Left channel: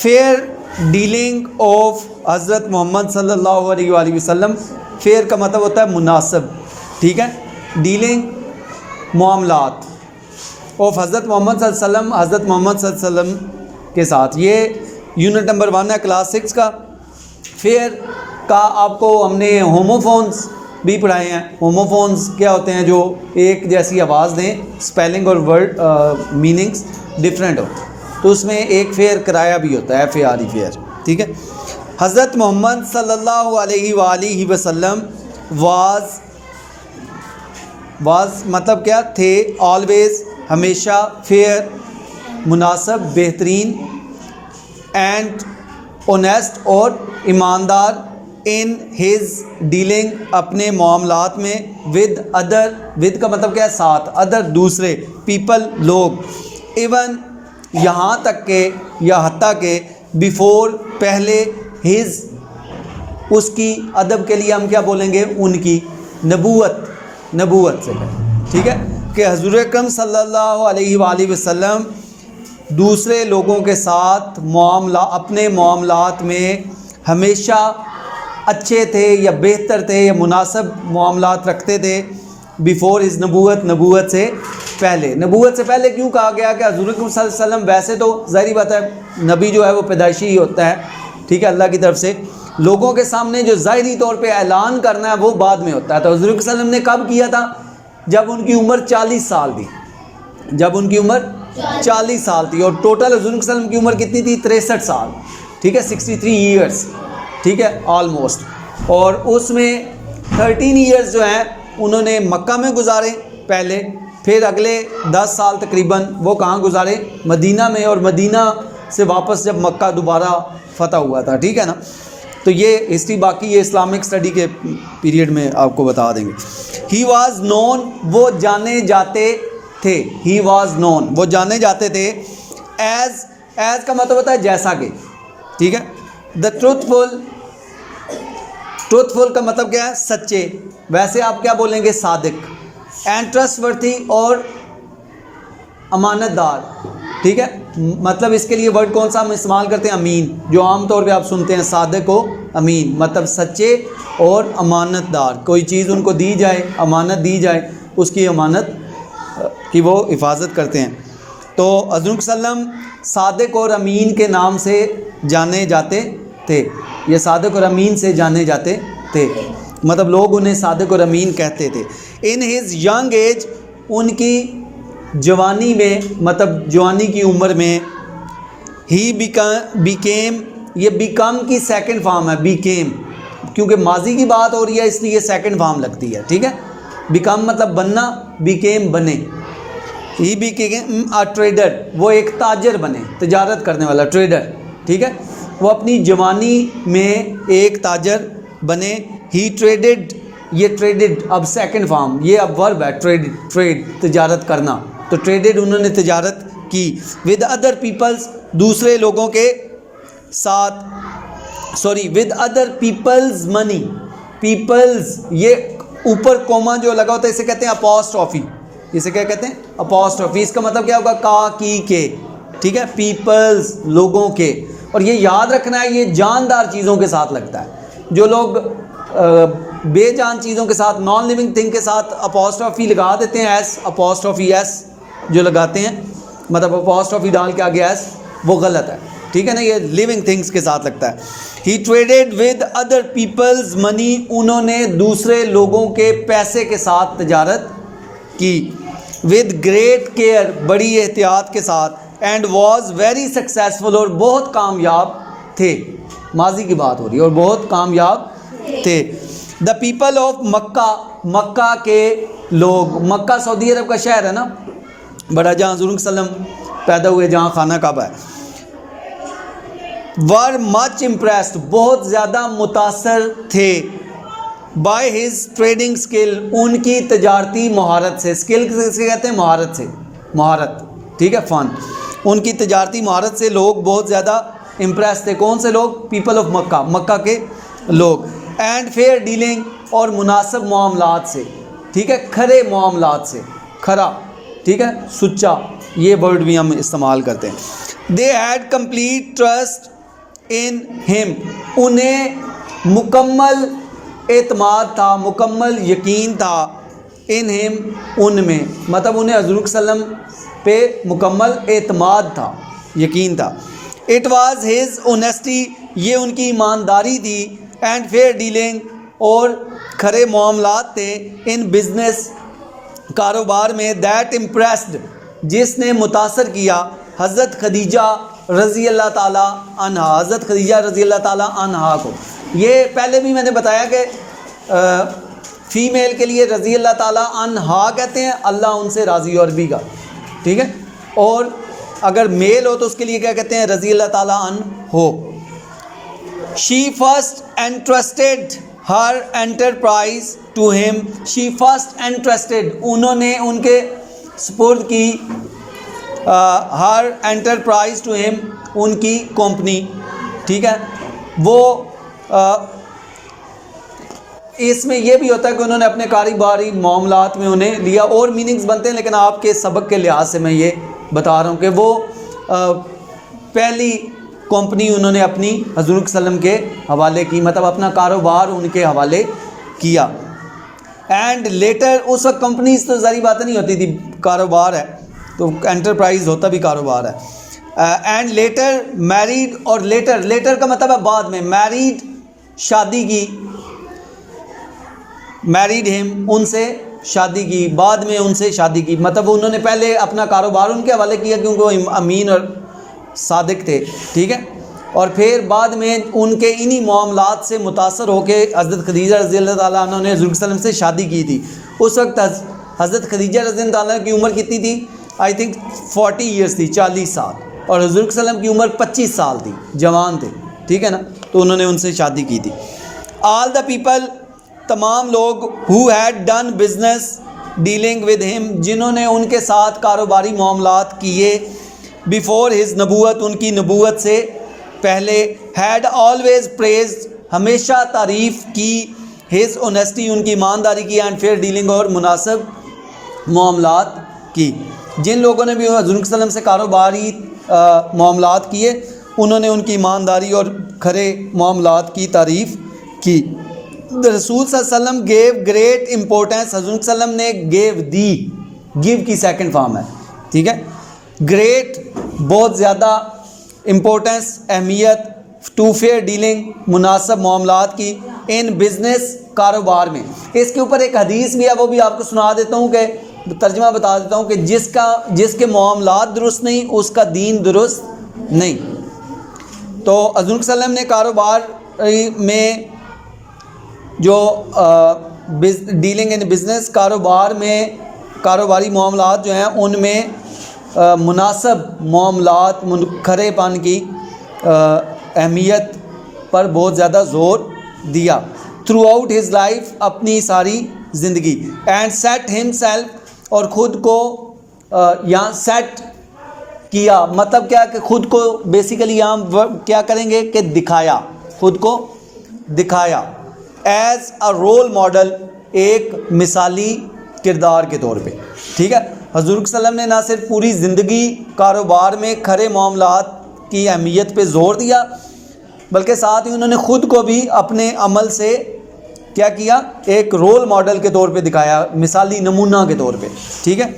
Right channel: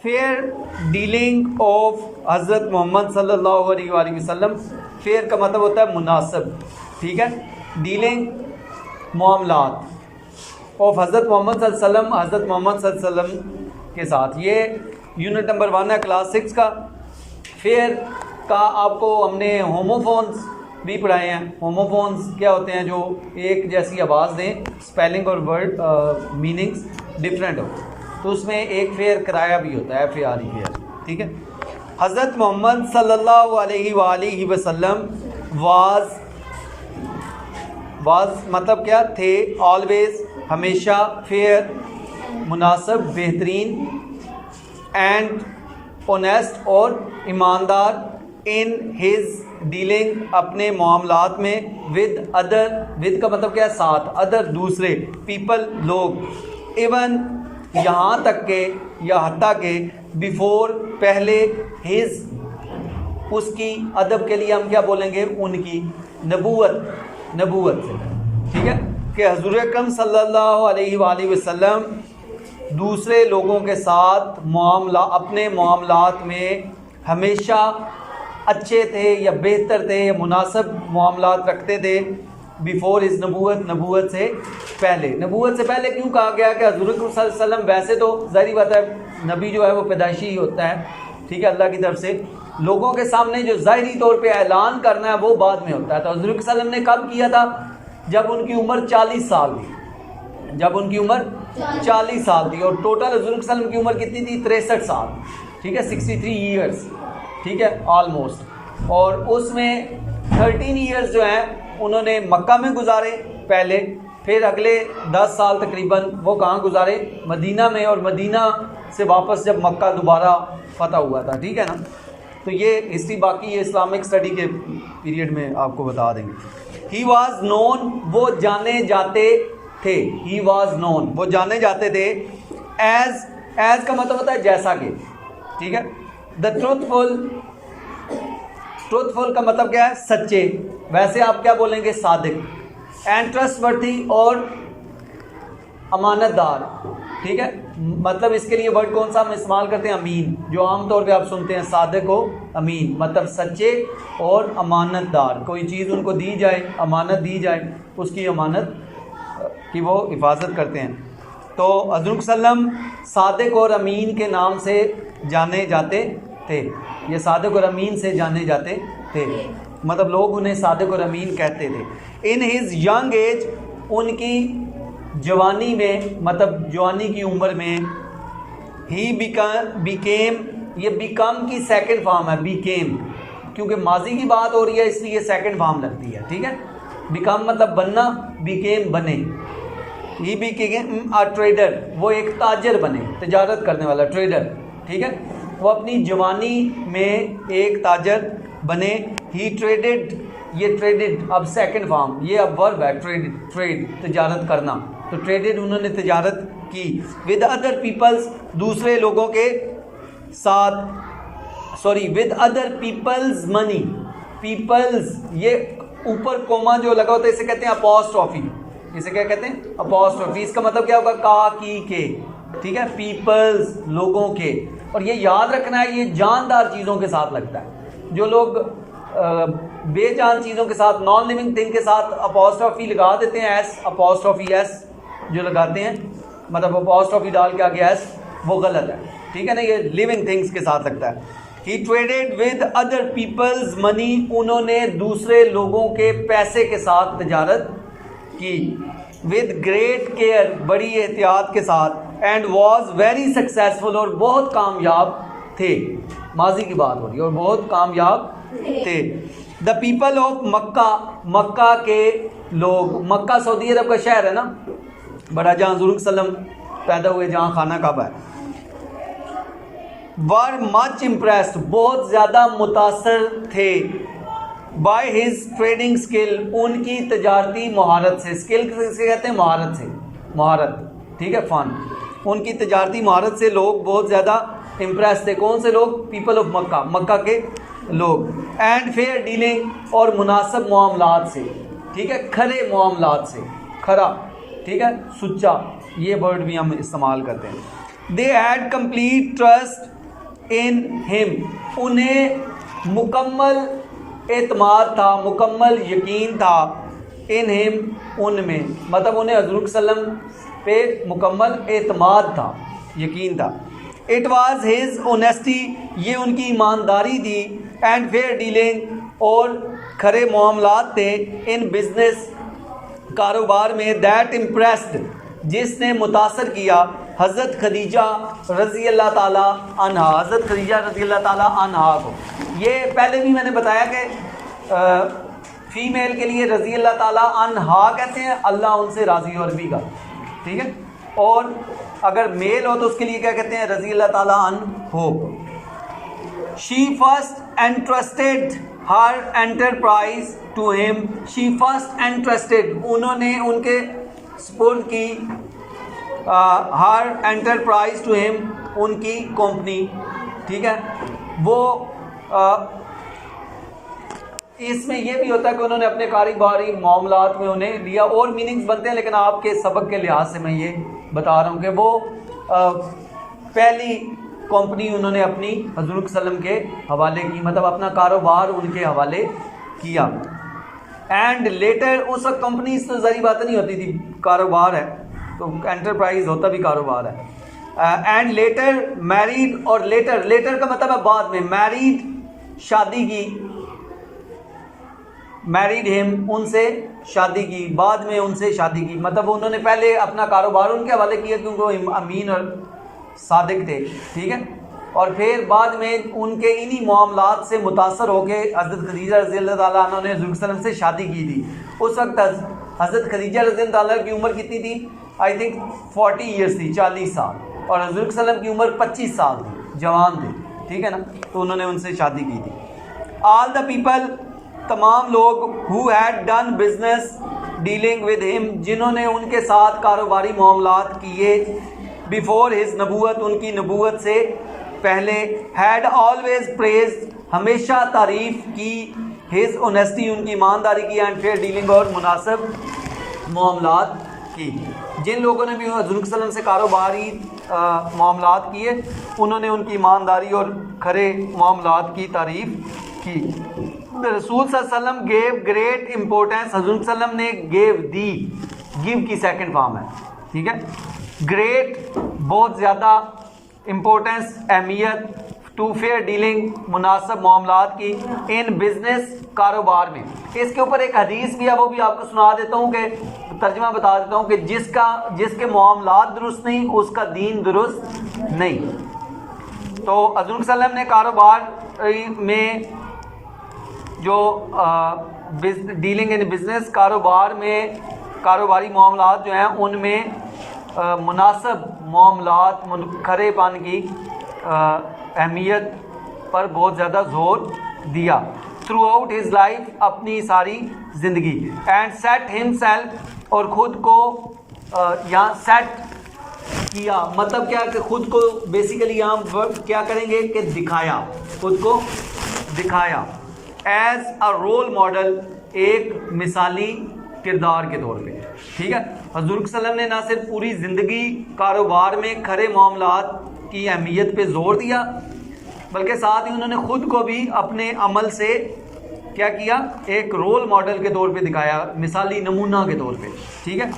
Fair dealing of حضرت محمد صلی اللہ علیہ وآلہ وسلم. فیئر کا مطلب ہوتا ہے مناسب, ٹھیک ہے. ڈیلنگ معاملات آف حضرت محمد صلی اللہ علیہ وسلم, حضرت محمد صلی اللہ علیہ وسلم کے ساتھ. یہ یونٹ نمبر 1 ہے کلاس 6 کا. فیئر کا آپ کو ہم نے ہوموفونز بھی پڑھائے ہیں. ہوموفونز کیا ہوتے ہیں؟ جو ایک جیسی آواز دیں, اسپیلنگ اور ورڈ میننگس ڈفرینٹ ہوتے ہیں, تو اس میں ایک فیئر کرایہ بھی ہوتا ہے, FAR فیئر, ٹھیک ہے. حضرت محمد صلی اللہ علیہ وآلہ وسلم واز مطلب کیا تھے؟ آلویز, ہمیشہ, فیئر مناسب, بہترین, اینڈ اونیسٹ اور ایماندار, ان ہز ڈیلنگ اپنے معاملات میں, ود ادر, ود کا مطلب کیا ہے؟ ساتھ, ادر دوسرے, پیپل لوگ, ایون یہاں تک کہ یا حتیٰ کہ, بیفور پہلے, ہز اس کی, ادب کے لیے ہم کیا بولیں گے؟ ان کی, نبوت سے, ٹھیک ہے, کہ حضور اکرم صلی اللہ علیہ وآلہ وسلم دوسرے لوگوں کے ساتھ اپنے معاملات میں ہمیشہ اچھے تھے یا بہتر تھے یا مناسب معاملات رکھتے تھے. بیفور از نبوت سے پہلے. نبوت سے پہلے کیوں کہا گیا؟ کہ حضور اکرم صلی اللہ علیہ وسلم ویسے تو ظاہری بات ہے نبی جو ہے وہ پیدائشی ہی ہوتا ہے, ٹھیک ہے, اللہ کی طرف سے. لوگوں کے سامنے جو ظاہری طور پہ اعلان کرنا ہے وہ بعد میں ہوتا ہے. تو حضور صلی اللہ علیہ وسلم نے کب کیا تھا؟ جب ان کی عمر 40 سال تھی. جب ان کی عمر 40 سال تھی, اور ٹوٹل حضور صلی اللہ علیہ وسلم کی عمر کتنی تھی؟ 63 سال, ٹھیک ہے, 63 ایئرس, ٹھیک ہے, آلموسٹ. اور اس میں 13 ایئرس جو ہیں انہوں نے مکہ میں گزارے پہلے, پھر اگلے 10 سال تقریباً وہ کہاں گزارے؟ مدینہ میں, اور مدینہ سے واپس جب مکہ دوبارہ فتح ہوا تھا, ٹھیک ہے نا. تو یہ ہسٹری باقی یہ اسلامک اسٹڈی کے پیریڈ میں آپ کو بتا دیں گے. ہی واز نون, وہ جانے جاتے تھے. ہی واز نون, وہ جانے جاتے تھے. ایز کا مطلب ہوتا ہے جیسا کہ, ٹھیک ہے. دا ٹروتھفل کا مطلب کیا ہے؟ سچے. ویسے آپ کیا بولیں گے؟ صادق. اینڈ ٹرسٹ ورتھی, اور امانت دار, ٹھیک ہے. مطلب اس کے لیے ورڈ کون سا ہم استعمال کرتے ہیں؟ امین, جو عام طور پہ آپ سنتے ہیں صادق و امین, مطلب سچے اور امانت دار. کوئی چیز ان کو دی جائے, امانت دی جائے, اس کی امانت کی وہ حفاظت کرتے ہیں. تو حضور صلی اللہ علیہ وسلم صادق اور امین کے نام سے جانے جاتے تھے. یہ صادق اور امین سے جانے جاتے تھے, مطلب لوگ انہیں صادق اور امین کہتے تھے. ان ہز ینگ ایج, ان کی جوانی میں, مطلب جوانی کی عمر میں. ہی بیکیم, یہ بیکم کی سیکنڈ فارم ہے, بیکیم, کیونکہ ماضی کی بات ہو رہی ہے اس لیے یہ سیکنڈ فارم لگتی ہے, ٹھیک ہے. بیکم مطلب بننا, بیکیم بنے. ہی بیکیم اے ٹریڈر, وہ ایک تاجر بنے, تجارت کرنے والا, ٹریڈر, ٹھیک ہے. وہ اپنی جوانی میں ایک تاجر بنے. ہی ٹریڈڈ, یہ ٹریڈڈ اب سیکنڈ فارم, یہ اب ورب ہے, ٹریڈ تجارت کرنا. تو ٹریڈڈ انہوں نے تجارت کی. ود ادر پیپلز, دوسرے لوگوں کے ساتھ, with other people's money. People's, یہ اوپر کوما جو لگا ہوتا ہے اسے کہتے ہیں اپوسٹرافی. اسے کیا کہتے ہیں؟ اپوسٹرافی. اس کا مطلب کیا ہوگا؟ کا, کی, کے, ٹھیک ہے. پیپلز, لوگوں کے. اور یہ یاد رکھنا ہے یہ جاندار چیزوں کے ساتھ لگتا ہے. جو لوگ بے جان چیزوں کے ساتھ, نان لیونگ تھنگ کے ساتھ اپوسٹرافی لگا دیتے ہیں, ایس اپوسٹرافی ایس جو لگاتے ہیں, مطلب اپوسٹرافی ڈال کے آگے ایس, وہ غلط ہے, ٹھیک ہے نا. یہ لیونگ تھنگس کے ساتھ لگتا ہے. ہی ٹریڈڈ ود ادر پیپلز منی, انہوں نے دوسرے لوگوں کے پیسے کے ساتھ تجارت کی. ود گریٹ کیئر, بڑی احتیاط کے ساتھ. اینڈ واز ویری سکسیزفل, اور بہت کامیاب تھے. ماضی کی بات ہو رہی ہے, اور بہت کامیاب تھے. دا پیپل آف مکہ, مکہ کے لوگ. مکہ سعودی عرب کا شہر ہے نا بڑا, جہاں حضور صلی اللہ علیہ وسلم پیدا ہوئے, جہاں خانہ کعبہ ہے. ور مچ امپریسڈ, بہت زیادہ متاثر تھے. بائی ہز ٹریڈنگ اسکل, ان کی تجارتی مہارت سے. اسکل سے کہتے ہیں مہارت سے, مہارت, ٹھیک ہے, فن. ان کی تجارتی مہارت سے لوگ بہت زیادہ امپریس تھے. کون سے لوگ؟ پیپل آف مکہ, مکہ کے لوگ. اینڈ فیئر ڈیلنگ, اور مناسب معاملات سے, ٹھیک ہے, کھرے معاملات سے, کھرا, ٹھیک ہے, سچا, یہ ورڈ بھی ہم استعمال کرتے ہیں. They had complete trust in ہم, انہیں مکمل اعتماد تھا, مکمل یقین تھا, ان ہم, ان میں, مطلب انہیں حضور صلی اللہ علیہ وسلم پہ مکمل اعتماد تھا, یقین تھا. اٹ واز ہز اونیسٹی, یہ ان کی ایمانداری تھی, اینڈ فیئر ڈیلنگ, اور کھرے معاملات تھے, ان بزنس, کاروبار میں, دیٹ امپریسڈ, جس نے متاثر کیا حضرت خدیجہ رضی اللہ تعالیٰ عنہا, حضرت خدیجہ رضی اللہ تعالیٰ عنہا کو. یہ پہلے بھی میں نے بتایا کہ فیمیل کے لیے رضی اللہ تعالیٰ عنہا کہتے ہیں, اللہ ان سے راضی, اور بھی کا, ٹھیک ہے, اور اگر میل ہو تو اس کے لیے کیا کہتے ہیں, رضی اللہ تعالیٰ عنہ ہو. She first interested her enterprise to ہم, شی فرسٹ انٹرسٹڈ, انہوں نے ان کے سپرد کی, ہر انٹرپرائز ٹو ہم, ان کی کمپنی, ٹھیک ہے. وہ اس میں یہ بھی ہوتا ہے کہ انہوں نے اپنے کاروباری معاملات میں انہیں لیا, اور میننگز بنتے ہیں, لیکن آپ کے سبق کے لحاظ سے میں یہ بتا رہا ہوں کہ وہ پہلی کمپنی انہوں نے اپنی حضور صلی اللہ علیہ وسلم کے حوالے کی, مطلب اپنا کاروبار ان کے حوالے کیا. اینڈ لیٹر, اس وقت کمپنیز تو ظاہری بات نہیں ہوتی تھی, کاروبار ہے تو انٹرپرائز ہوتا بھی کاروبار ہے. اینڈ لیٹر میریڈ, اور لیٹر کا مطلب ہے بعد میں, میریڈ شادی کی, میریڈ ہم, ان سے شادی کی, بعد میں ان سے شادی کی, مطلب انہوں نے پہلے اپنا کاروبار ان کے حوالے کیا کیونکہ وہ امین اور صادق تھے, ٹھیک ہے, اور پھر بعد میں ان کے انہی معاملات سے متاثر ہو کے حضرت خدیجہ رضی اللہ تعالیٰ عنہ نے حضور صلی اللہ علیہ وسلم سے شادی کی تھی. اس وقت حضرت خدیجہ رضی اللہ تعالیٰ کی عمر کتنی تھی, آئی تھنک 40 ایئرس تھی, 40 سال, اور حضور صلی اللہ علیہ وسلم کی عمر 25 سال تھی, جوان تھے, ٹھیک ہے نا, تو انہوں نے ان سے شادی کی تھی. آل دا پیپل, تمام لوگ, who had done business dealing with him, جنہوں نے ان کے ساتھ کاروباری معاملات کیے, before his نبوت, ان کی نبوت سے پہلے, had always praised, ہمیشہ تعریف کی, his honesty, ان کی ایمانداری کی, and fair dealing, اور مناسب معاملات کی. جن لوگوں نے بھی حضور صلی اللہ علیہ وسلم سے کاروباری معاملات کیے, انہوں نے ان کی ایمانداری اور کھرے معاملات کی تعریف کی. رسول صلی اللہ علیہ وسلم گیو گریٹ امپورٹینس, حضور صلی اللہ علیہ وسلم نے گیو دی, گیو کی سیکنڈ فارم ہے, ٹھیک ہے, گریٹ بہت زیادہ, امپورٹینس اہمیت, ٹو فیئر ڈیلنگ مناسب معاملات کی, ان بزنس کاروبار میں. اس کے اوپر ایک حدیث بھی ہے, وہ بھی آپ کو سنا دیتا ہوں, کہ ترجمہ بتا دیتا ہوں, کہ جس کے معاملات درست نہیں اس کا دین درست نہیں. تو حضور صلی اللہ علیہ وسلم نے کاروبار میں جو ڈیلنگ ان بزنس, کاروبار میں کاروباری معاملات جو ہیں ان میں مناسب معاملات, کھرے پن کی اہمیت پر بہت زیادہ زور دیا. تھرو آؤٹ ہز لائف, اپنی ساری زندگی. اینڈ سیٹ ہم سیلف, اور خود کو یہاں سیٹ کیا, مطلب کیا کہ خود کو بیسیکلی یہاں کیا کریں گے کہ دکھایا, خود کو دکھایا, ایز اے رول ماڈل, ایک مثالی کردار کے طور پہ, ٹھیک ہے. حضور صلی اللہ علیہ وسلم نے نہ صرف پوری زندگی کاروبار میں کھرے معاملات کی اہمیت پہ زور دیا, بلکہ ساتھ ہی انہوں نے خود کو بھی اپنے عمل سے کیا کیا, ایک رول ماڈل کے طور پہ دکھایا, مثالی نمونہ کے طور پہ, ٹھیک ہے,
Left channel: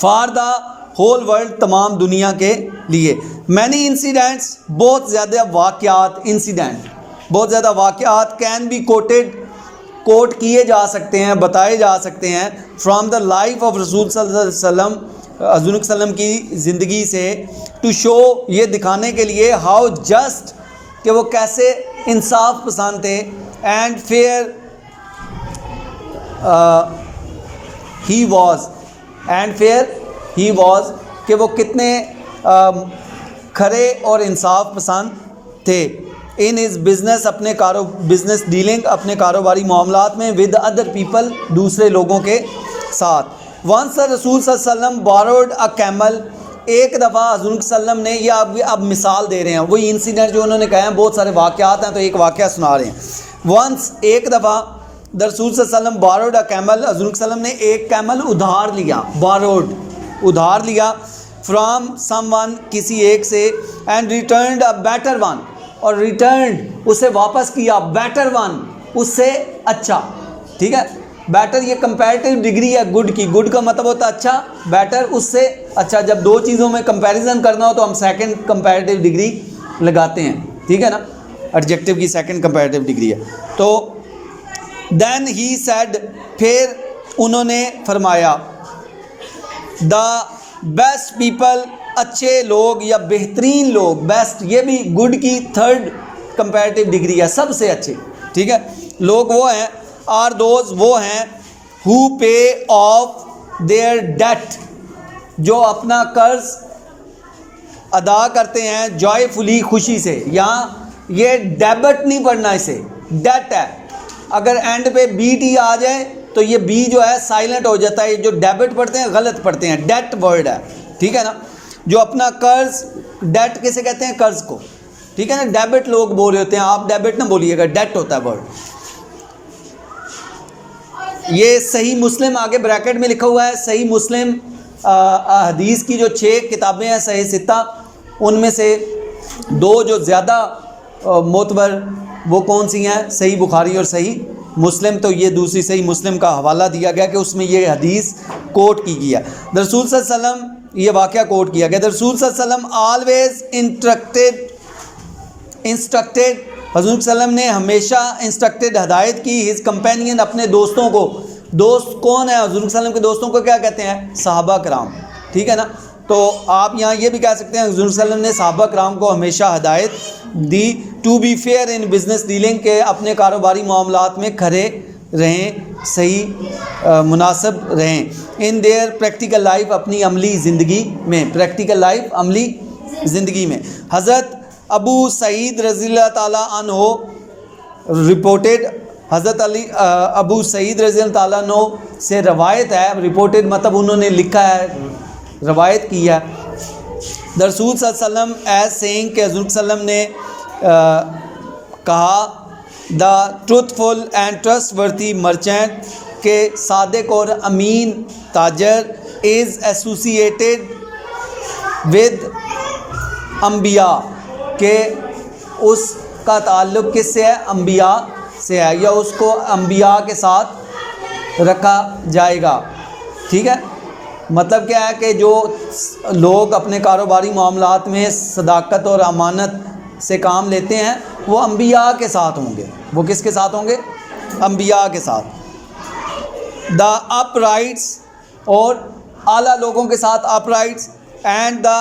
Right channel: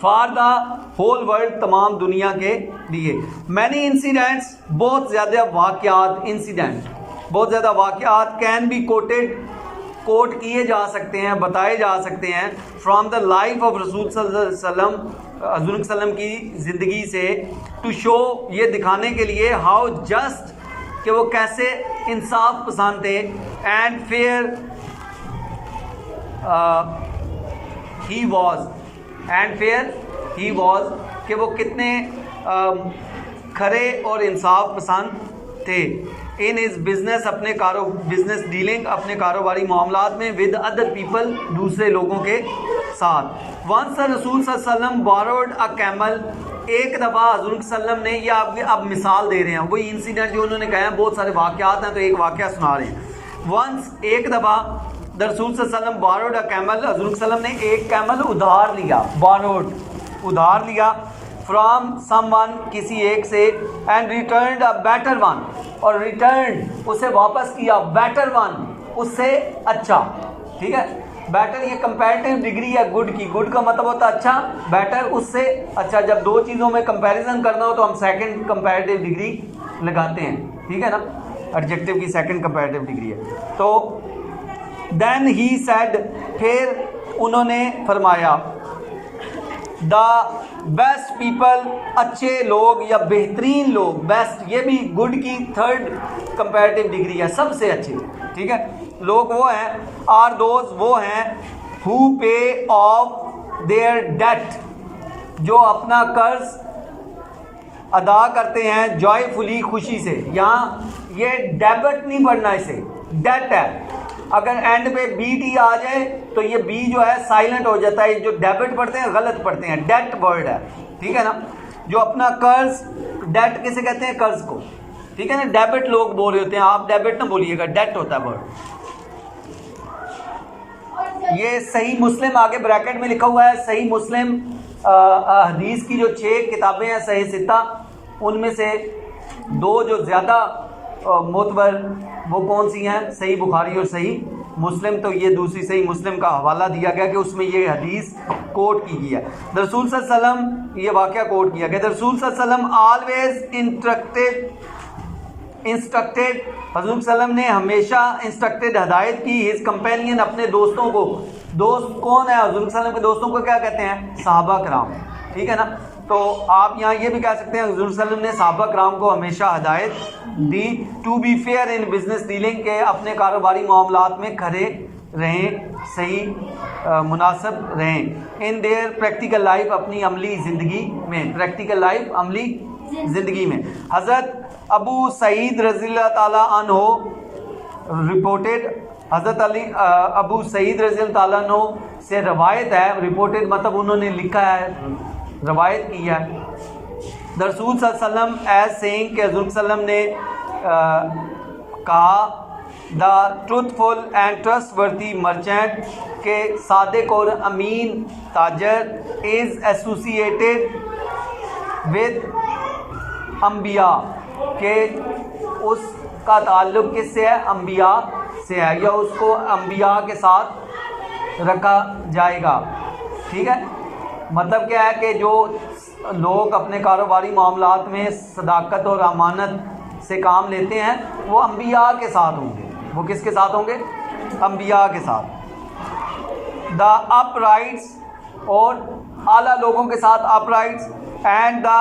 فار دا ہول ورلڈ, تمام دنیا کے لیے. مینی انسیڈنٹس, بہت زیادہ واقعات, انسیڈنٹ بہت زیادہ واقعات, کین بی کوٹ کیے جا سکتے ہیں, بتائے جا سکتے ہیں, فرام دا لائف آف رسول صلی اللہ علیہ وسلم, حضور صلی اللہ علیہ وسلم کی زندگی سے, ٹو شو, یہ دکھانے کے لیے, ہاؤ جسٹ, کہ وہ کیسے انصاف پسند تھے, and fair he was, and fair he was, کہ وہ کتنے کھرے اور انصاف پسند تھے. ان ہز بزنس, اپنے بزنس ڈیلنگ, اپنے کاروباری معاملات میں, ود ادر پیپل, دوسرے لوگوں کے ساتھ. ونس رسول صلی اللہ علیہ وسلم بوروڈ اے کیمل, ایک دفعہ حضور صلی اللہ علیہ وسلم نے, یہ اب مثال دے رہے ہیں, وہی انسیڈنٹ جو انہوں نے کہا ہے, بہت سارے واقعات ہیں تو ایک واقعہ سنا رہے ہیں. ونس, ایک دفعہ, رسول صلی اللہ علیہ وسلم بوروڈ اے کیمل, حضور صلی اللہ علیہ وسلم نے ایک کیمل ادھار لیا, بوروڈ, ادھار لیا فرام سم ون کسی ایک سے and returned a better one اور ریٹرنڈ اسے واپس کیا بیٹر ون اس سے اچھا. ٹھیک ہے, بیٹر یہ کمپیریٹیو ڈگری ہے گڈ کی, گڈ کا مطلب ہوتا ہے اچھا, بیٹر اس سے اچھا. جب دو چیزوں میں کمپیریزن کرنا ہو تو ہم سیکنڈ کمپیریٹیو ڈگری لگاتے ہیں. ٹھیک ہے نا, ایڈجیکٹو کی سیکنڈ کمپیریٹیو ڈگری ہے. تو دین ہی سیڈ پھر انہوں نے فرمایا دا بیسٹ پیپل اچھے لوگ یا بہترین لوگ, بیسٹ یہ بھی گڈ کی تھرڈ کمپیریٹیو ڈگری ہے, سب سے اچھے. ٹھیک ہے, لوگ وہ ہیں آر دوز وہ ہیں ہو پے آف دیئر ڈیٹ جو اپنا قرض ادا کرتے ہیں جوائے فلی خوشی سے. یہاں یہ ڈیبٹ نہیں پڑھنا, اسے ڈیٹ ہے. اگر اینڈ پہ بی ٹی آ جائے تو یہ بی جو ہے سائلنٹ ہو جاتا ہے. جو ڈیبٹ پڑھتے ہیں غلط پڑھتے ہیں, ڈیٹ ورڈ ہے. ٹھیک ہے نا, جو اپنا قرض, ڈیٹ کیسے کہتے ہیں قرض کو. ٹھیک ہے نا, ڈیبٹ لوگ بول رہے ہوتے ہیں, آپ ڈیبٹ نہ بولیے گا, ڈیٹ ہوتا ہے ورڈ. یہ صحیح مسلم آگے بریکٹ میں لکھا ہوا ہے. صحیح مسلم حدیث کی جو 6 کتابیں ہیں صحیح ستہ, ان میں سے 2 جو زیادہ معتبر وہ کون سی ہیں, صحیح بخاری اور صحیح مسلم. تو یہ دوسری صحیح مسلم کا حوالہ دیا گیا کہ اس میں یہ حدیث کوٹ کی گئی ہے. رسول صلی اللہ علیہ وسلم یہ واقعہ کوٹ کیا گیا. رسول صلی اللہ علیہ وسلم آلویز انسٹرکٹیڈ حضور صلی اللہ علیہ وسلم نے ہمیشہ انسٹرکٹیڈ ہدایت کی ہز کمپینین اپنے دوستوں کو. دوست کون ہے حضور صلی اللہ علیہ وسلم کے دوستوں کو کیا کہتے ہیں, صحابہ کرام. ٹھیک ہے نا, تو آپ یہاں یہ بھی کہہ سکتے ہیں حضور صلی اللہ علیہ وسلم نے صحابہ کرام کو ہمیشہ ہدایت دی to be fair in business dealing کے اپنے کاروباری معاملات میں کھڑے رہیں, صحیح مناسب رہیں. ان دیئر پریکٹیکل لائف اپنی عملی زندگی میں, پریکٹیکل لائف عملی زندگی میں. حضرت ابو سعید رضی اللہ تعالیٰ عنہ رپورٹڈ, حضرت ابو سعید رضی اللہ تعالیٰ عنہ سے روایت ہے. رپورٹڈ مطلب انہوں نے لکھا ہے, روایت کی ہے. رسول صلی اللہ علیہ وسلم ایز سینگ کہ حضور صلی اللہ علیہ وسلم نے کہا the truthful and trustworthy merchant کہ صادق اور امین تاجر از ایسوسیٹیڈ ود انبیاء کہ اس کا تعلق کس سے ہے, انبیاء سے ہے, یا اس کو انبیاء کے ساتھ رکھا جائے گا. ٹھیک ہے, مطلب کیا ہے کہ جو لوگ اپنے کاروباری معاملات میں صداقت اور امانت سے کام لیتے ہیں وہ انبیاء کے ساتھ ہوں گے. وہ کس کے ساتھ ہوں گے, انبیاء کے ساتھ. دا اپ رائٹس اور اعلیٰ لوگوں کے ساتھ اپ رائٹس, اینڈ دا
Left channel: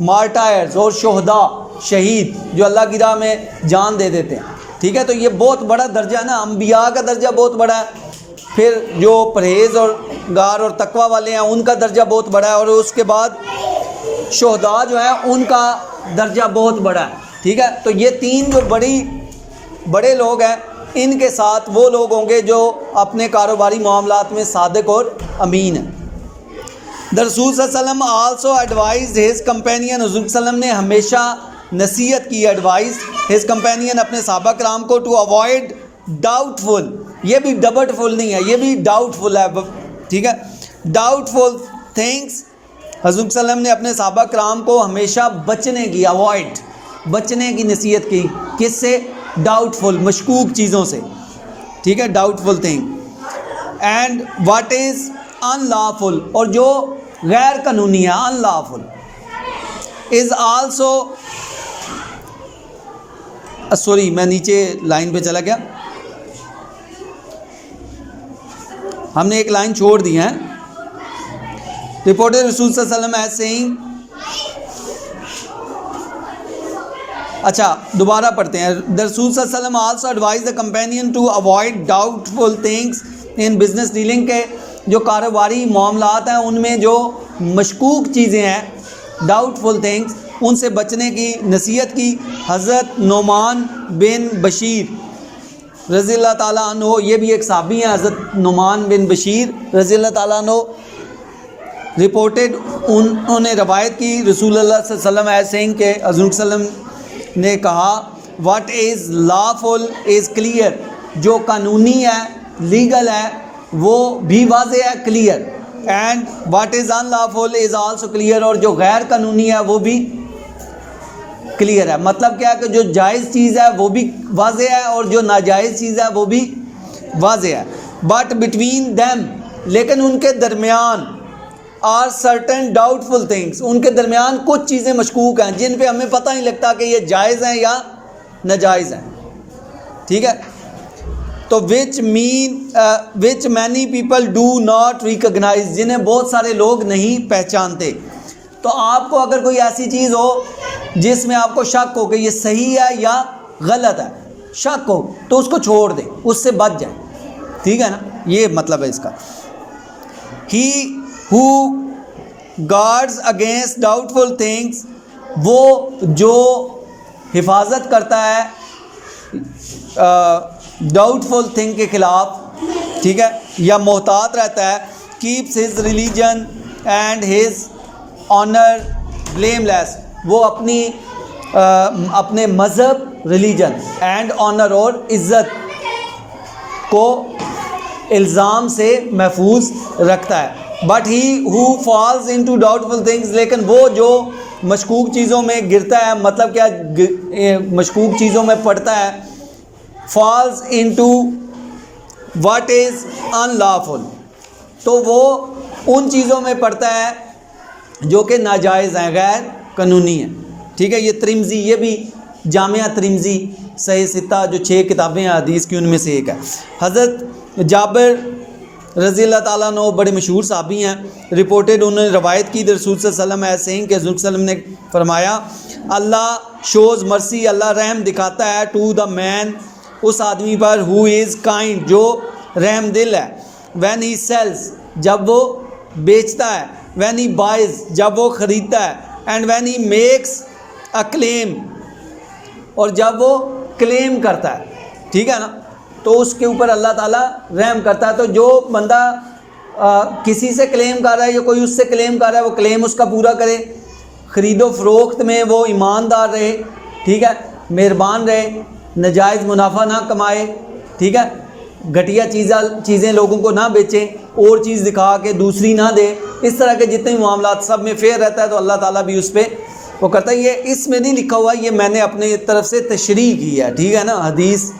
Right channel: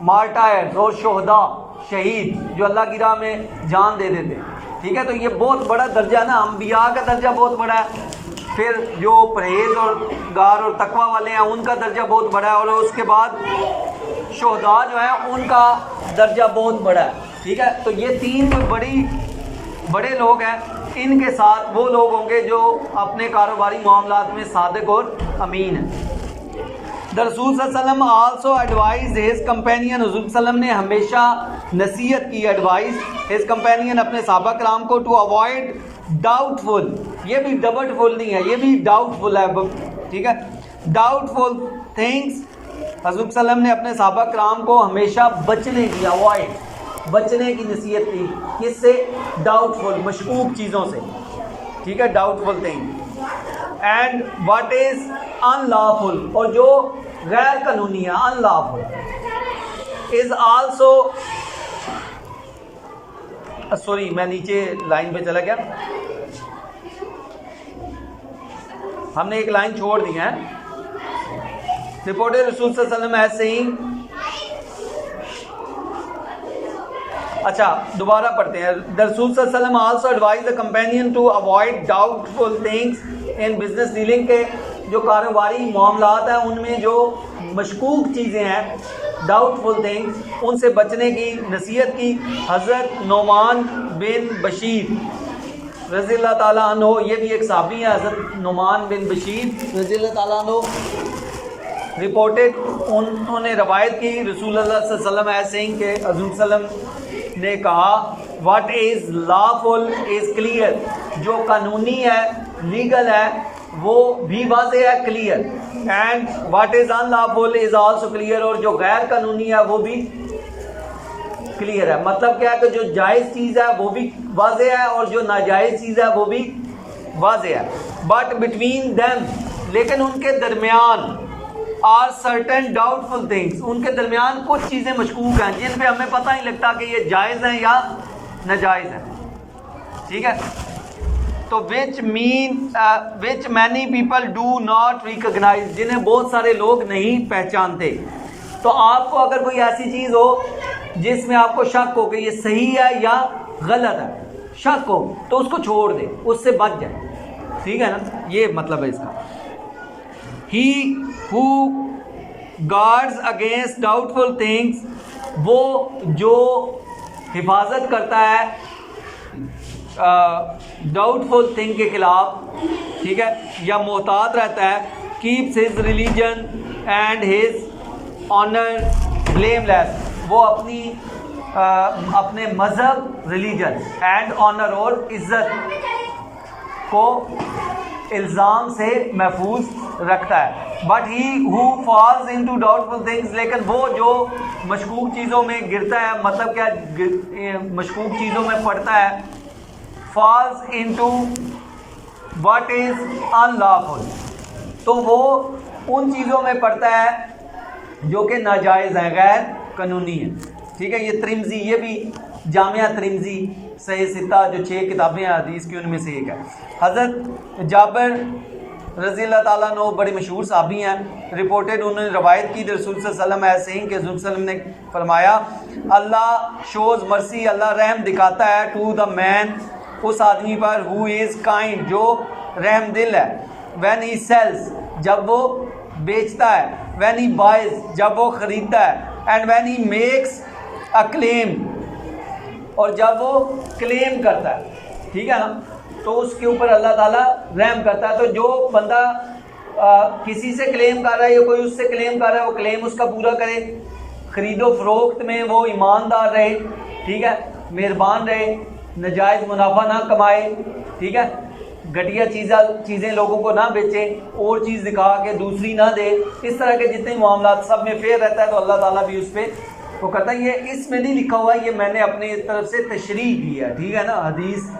مارٹائرز اور شہداء شہید جو اللہ کی راہ میں جان دے دیتے ہیں. ٹھیک ہے, تو یہ بہت بڑا درجہ ہے نا, انبیاء کا درجہ بہت بڑا ہے. پھر جو پرہیز اور گار اور تقوی والے ہیں ان کا درجہ بہت بڑا ہے, اور اس کے بعد شہداء جو ہیں ان کا درجہ بہت بڑا ہے. ٹھیک ہے, تو یہ 3 جو بڑے لوگ ہیں ان کے ساتھ وہ لوگ ہوں گے جو اپنے کاروباری معاملات میں صادق اور امین ہیں. دا رسول صلی اللہ علیہ وسلم آلسو ایڈوائزڈ ہز کمپینین, حضور صلی اللہ علیہ وسلم نے ہمیشہ نصیحت کی, ایڈوائز ہز کمپینین اپنے صحابہ کرام کو, ٹو اوائڈ ڈاؤٹ فل, یہ بھی ڈبٹ فل نہیں ہے, یہ بھی ڈاؤٹ فل ہے. ٹھیک ہے, ڈاؤٹ فل تھنگس, حضور صلی اللہ علیہ وسلم نے اپنے صحابہ کرام کو ہمیشہ بچنے کی, اوائڈ بچنے کی نصیحت کی. کس سے, ڈاؤٹ فل مشکوک چیزوں سے. ٹھیک ہے, doubtful thing. And what is unlawful, اور جو غیر قانونی ہے, unlawful is also, sorry میں نیچے لائن پہ چلا گیا, ہم نے ایک لائن چھوڑ دی ہے. رپورٹڈ رسول صلی اللہ علیہ وسلم ایز سیئنگ, اچھا دوبارہ پڑھتے ہیں. دا رسول صلی اللہ علیہ وسلم also advise the companion to avoid doubtful things in business dealing کے جو کاروباری معاملات ہیں ان میں جو مشکوک چیزیں ہیں, ڈاؤٹ فل تھنگس, ان سے بچنے کی نصیحت کی. حضرت نعمان بن بشیر رضی اللہ تعالیٰ عنہ, یہ بھی ایک صحابی ہیں, حضرت نعمان بن بشیر رضی اللہ تعالیٰ عنہ, رپورٹڈ انہوں نے روایت کی رسول اللہ صلی اللہ علیہ وسلم ایز سینگ کہ حضور صلی اللہ علیہ وسلم نے کہا what is lawful is clear, جو قانونی ہے لیگل ہے وہ بھی واضح ہے, clear. And what is unlawful is also clear, اور جو غیر قانونی ہے وہ بھی کلیئر ہے. مطلب کیا ہے کہ جو جائز چیز ہے وہ بھی واضح ہے اور جو ناجائز چیز ہے وہ بھی واضح ہے. بٹ بٹوین دیم, لیکن ان کے درمیان, are certain doubtful things, ان کے درمیان کچھ چیزیں مشکوک ہیں جن پہ ہمیں پتہ نہیں لگتا کہ یہ جائز ہیں یا ناجائز ہیں. ٹھیک ہے, تو which many people do not recognise, جنہیں بہت سارے لوگ نہیں پہچانتے. تو آپ کو اگر کوئی ایسی چیز ہو جس میں آپ کو شک ہو کہ یہ صحیح ہے یا غلط ہے, شک ہو تو اس کو چھوڑ دیں, اس سے بچ جائیں. ٹھیک ہے نا, یہ مطلب ہے اس کا. ہی ہو گارڈز اگینسٹ ڈاؤٹ فل تھنگس, وہ جو حفاظت کرتا ہے ڈاؤٹ فل تھنگ کے خلاف, ٹھیک ہے, یا محتاط رہتا ہے, keeps his religion and his honour blameless, وہ اپنے مذہب, ریلیجن اینڈ آنر اور عزت کو الزام سے محفوظ رکھتا ہے. But he who falls into doubtful things, لیکن وہ جو مشکوک چیزوں میں گرتا ہے, مطلب کیا مشکوک چیزوں میں پڑتا ہے, falls into what is in lawful, تو وہ ان چیزوں میں پڑتا ہے جو کہ ناجائز ہیں, غیر قانونی ہیں. ٹھیک ہے, یہ ترمذی, یہ بھی جامعہ ترمذی صحیح ستہ جو 6 کتابیں ہیں حدیث کی ان میں سے ایک ہے. حضرت جابر رضی اللہ تعالیٰ عنہ بڑے مشہور صحابی ہیں, رپورٹڈ, انہوں نے روایت کی رسول صلی اللہ علیہ وسلم ایسے ہیں کہ حضور صلی اللہ علیہ وسلم نے فرمایا, اللہ شوز مرسی, اللہ رحم دکھاتا ہے, ٹو دا مین, اس آدمی پر, ہو از کائنڈ, جو رحم دل ہے, وین ہی سیلز, جب وہ بیچتا ہے, وین ہی بائز, جب وہ خریدتا ہے, and when he makes a claim, اور جب وہ کلیم کرتا ہے. ٹھیک ہے نا, تو اس کے اوپر اللہ تعالیٰ رحم کرتا ہے. تو جو بندہ کسی سے کلیم کر رہا ہے یا کوئی اس سے کلیم کر رہا ہے, وہ کلیم اس کا پورا کرے, خرید و فروخت میں وہ ایماندار رہے, ٹھیک ہے, مہربان رہے, ناجائز منافع نہ کمائے, ٹھیک ہے, گھٹیا چیزیں لوگوں کو نہ بیچیں, اور چیز دکھا کے دوسری نہ دے, اس طرح کے جتنے بھی معاملات سب میں فیئر رہتا ہے, تو اللہ تعالیٰ بھی اس پہ وہ کرتا ہے. یہ اس میں نہیں لکھا ہوا, یہ میں نے اپنی طرف سے تشریح کی ہے. ٹھیک ہے نا, حدیث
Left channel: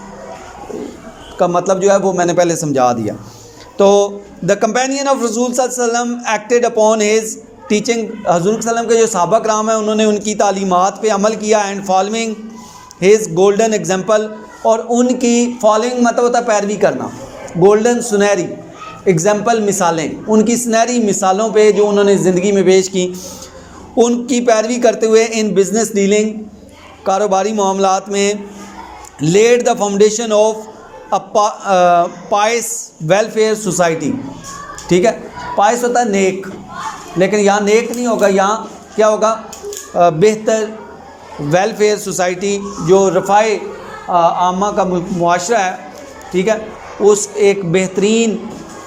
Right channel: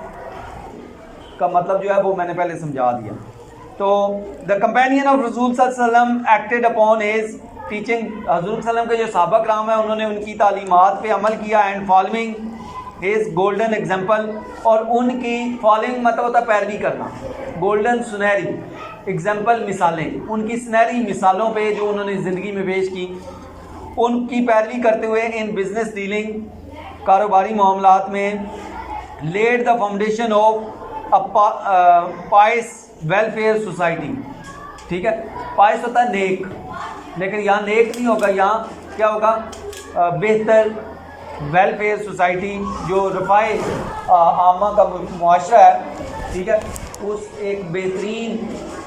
کا مطلب جو ہے وہ میں نے پہلے سمجھا دیا. تو دا کمپینین آف رسول صلی اللہ علیہ وسلم ایکٹیڈ اپون ہز ٹیچنگ, حضور صلی اللہ علیہ وسلم کے جو صحابہ کرام ہیں انہوں نے ان کی تعلیمات پہ عمل کیا, and following his golden example, اور ان کی فالوئنگ مطلب ہوتا ہے پیروی کرنا, گولڈن سنہری ایگزامپل مثالیں, ان کی سنہری مثالوں پہ جو انہوں نے زندگی میں پیش کی, ان کی پیروی کرتے ہوئے ان بزنس ڈیلنگ, کاروباری معاملات میں, lead the foundation of pious welfare society. ٹھیک ہے, پائس ہوتا ہے نیک, لیکن یہاں نیک نہیں ہوگا, یہاں کیا ہوگا, بہتر ویلفیئر سوسائٹی, جو رفاع عامہ کا معاشرہ ہے. ٹھیک ہے, اس ایک بہترین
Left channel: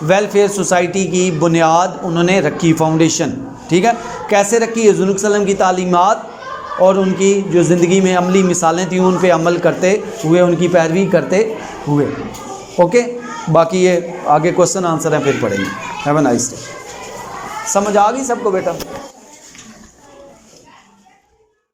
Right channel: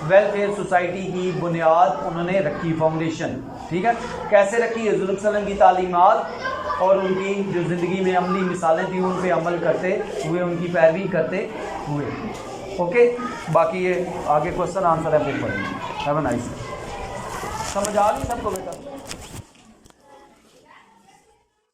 ویلفیئر سوسائٹی کی بنیاد انہوں نے رکھی, فاؤنڈیشن. ٹھیک ہے, کیسے رکھی, حضور صلی اللہ علیہ وسلم کی تعلیمات اور ان کی جو زندگی میں عملی مثالیں تھیں ان پہ عمل کرتے ہوئے, ان کی پیروی کرتے ہوئے. اوکے, باقی یہ آگے کوسچن آنسر ہے پھر پڑھیں گے. Have a nice day. سمجھ آ گئی سب کو بیٹا؟